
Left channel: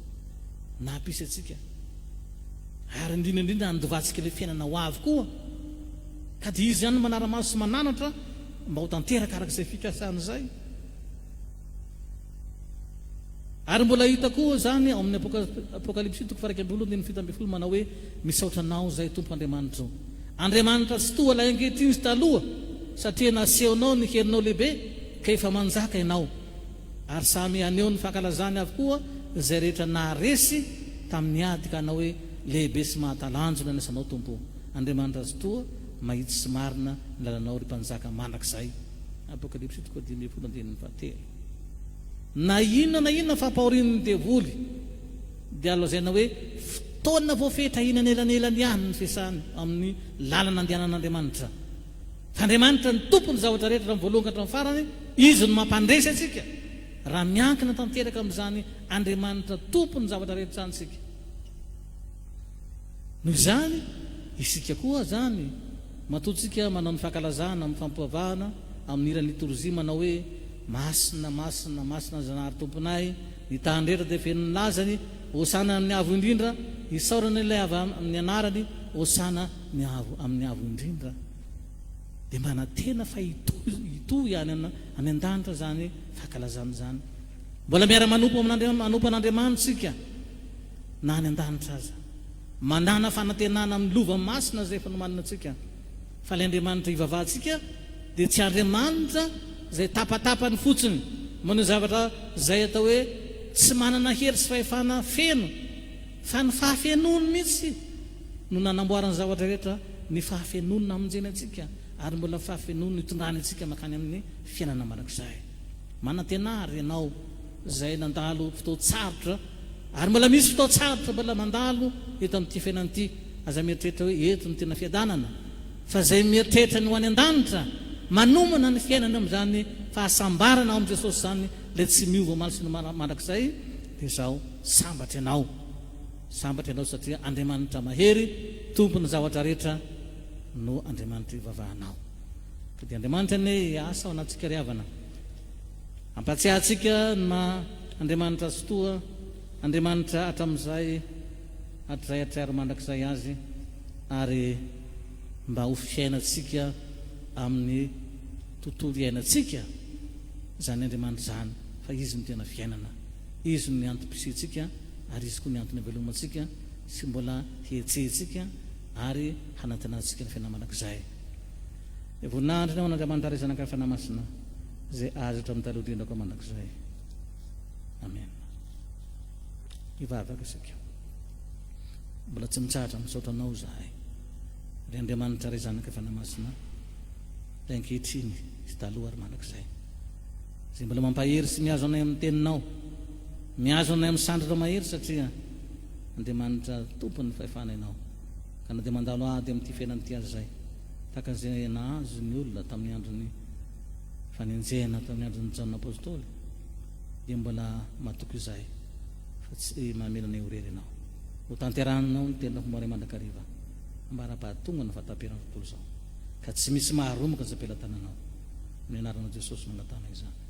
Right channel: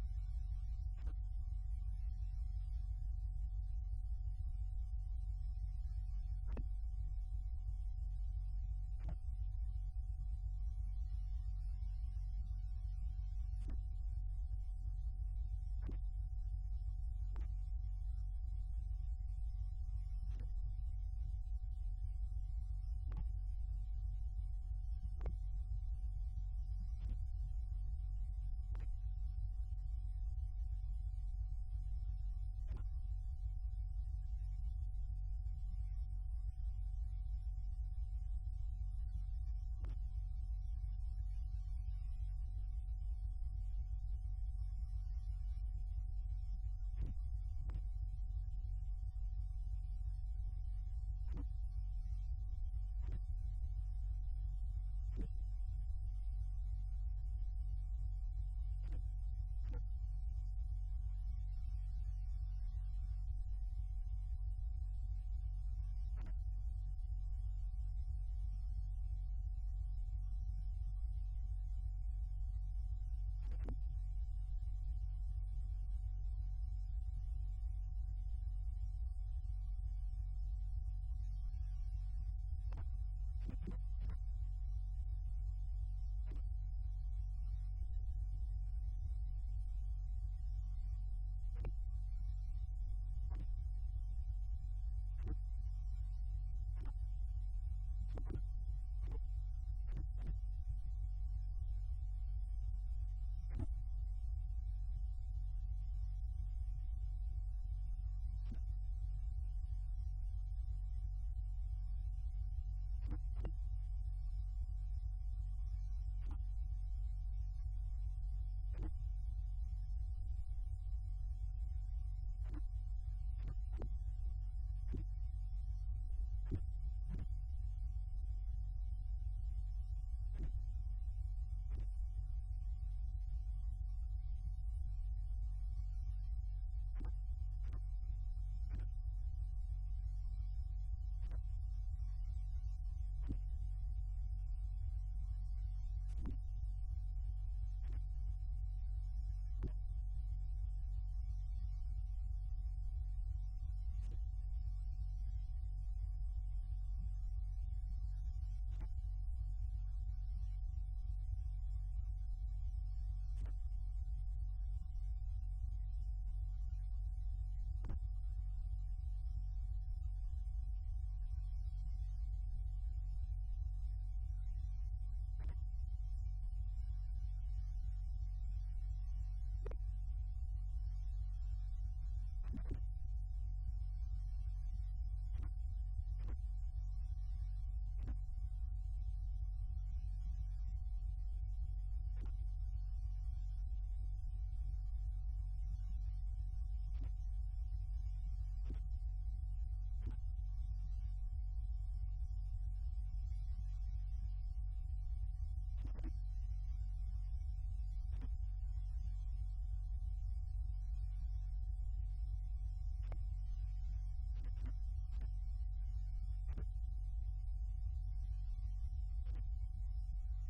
nampisy atsika ary indrindra nandovatsika le fiainana ho avy koa, ka dia izy ihany manara-maso sy mananatra mba ho tanteraka arak'izay fikasana izay. Ary mbola hita koa zany ao amin'ny Apokalipsy 2:12 manao hoe misaotra anao zay tompo Andriamanitra ao. Andriamanitra tsy toa lay ankehitriny sy taloha satria nasehonao ny herinao lehibe ka efa manjaka ianao ary samy aneo ny fankalazany avokoa zay rehetra naharesy tamin'ny ady ka hanao hoe lehibe sy mahatalanjona ny asanao tompo. Andriamanitra azy toa mahitsy sy marina ny lalanao ry mpanjaka mandrakizay. Apokalipsy 2:17. Na inona fampahorin'ny devoly dia lazaina hoe fotoana voafetra inan'elanelany ihany ny fiasany amin'ny lalana andehanan'Andriamanitra. Fa Andriamanitra ny tompony zavatra rehetra amin'ny voalohany ka hatramin'ny farany, izy no mampandresy atsika raha miankina tanteraka amin'izany Andriamanitra tompony zavatra rehetra zany sika. Noho izany isika koa zany matotsika manao ny fankalazana amin'ny fampivavahana amin'ny iran'ny liturjia manao hoe masina masina masina zanahary tomponay, ny tany rehetra dia feno ny lazany, hosana amin'ny avo indrindra, isaorana ilay avy amin'ny anarany, hosana ny avo amin'ny avo indrindra. Dia mana tena fa hitohy ihany any an-danitra zany fankalazana zany. Mbola miara manompo an'Andriamanitra sika na any an-danitra aza, manana fanantenana amin'ny lova masina zay fanomanana antsika. Fa ilay Andriamanitra hivavahantsika dia tsy Andriamanitra zay tapatapany fotsiny manao zavatra zay atao hoe tsy manana hery sy fahefana feno, fa ny fahafenony mihitsy no nanamboarany zavatra rehetra, ny fahafenony namonjeny atsika ary mbola fahafenony hitondrany atsika makany amin'ny fiainana mandrakizay. Manantenary ianao zay nandalo fotoan-tsarotra ary mbola misy fotoan-tsarotra mbola mandalo eto amin'ity fiainan'ity. Aza mieritreritra hoe eto ny tena fiadanana, fa zay mieritreritra ny ho any an-danitra manomana ny fiainana amin'izany fahasambarana ao amin'i Jesosy zany le tsy miova omaly sy ny mandrakizay dia zao sambatra ianao satria Andriamanitra mahery tompony zavatra rehetra no Andriamanitra ivavahanao. Ka dia Andriamanitra ny asa ao anatsika ry havana, ampatsiahantsika na Andriamanitra azy toa, Andriamanitra hatramin'izay hatrary mandrakizay azy ary mba ho fiainatsika amin'ny tontolo iainantsika zany Andriamanitra zany, fa izy no tena fiainana, izy no antom-pisitsika ary izy koa ny antony havelomantsika sy mbola hietsehtsika ary hanantenantsika ny fiainana mandrakizay. Voninahitra ny ao an'Andriamanitra ary zanaka fiainana masina zay azo hatramin'ny taloha indrindra koa mandrakizay. Amen. Hivavaka isika, mbola tsy mitsahatra misaotra anao zahay ry Andriamanitra ray zanaka efa namasina ray ankehitriny sy taloha ary mandrakizay zay mbola mampahery sy mihazo anay amin'ny teninao, mihazo anay amin'ny sandritra mahery satria Andriamanitra tompony fahefanainao ka na dia mandalo ady amin'ity fiainany ity azy zay tahaka izay nahazo ny olona tamin'ny androny fanenjehana tamin'ny androny Jaona apôstôly dia mbola mahatoky izay fa tsy mahamelanay horery ianao ho tanterahanao ny tenina fomba ray mandrakariva ambara-pahatongana fataperana tontolo izao ka tsy misy maharomoka zay am-pelantananao amin'ny anaran'i Jesosy mangatana izany.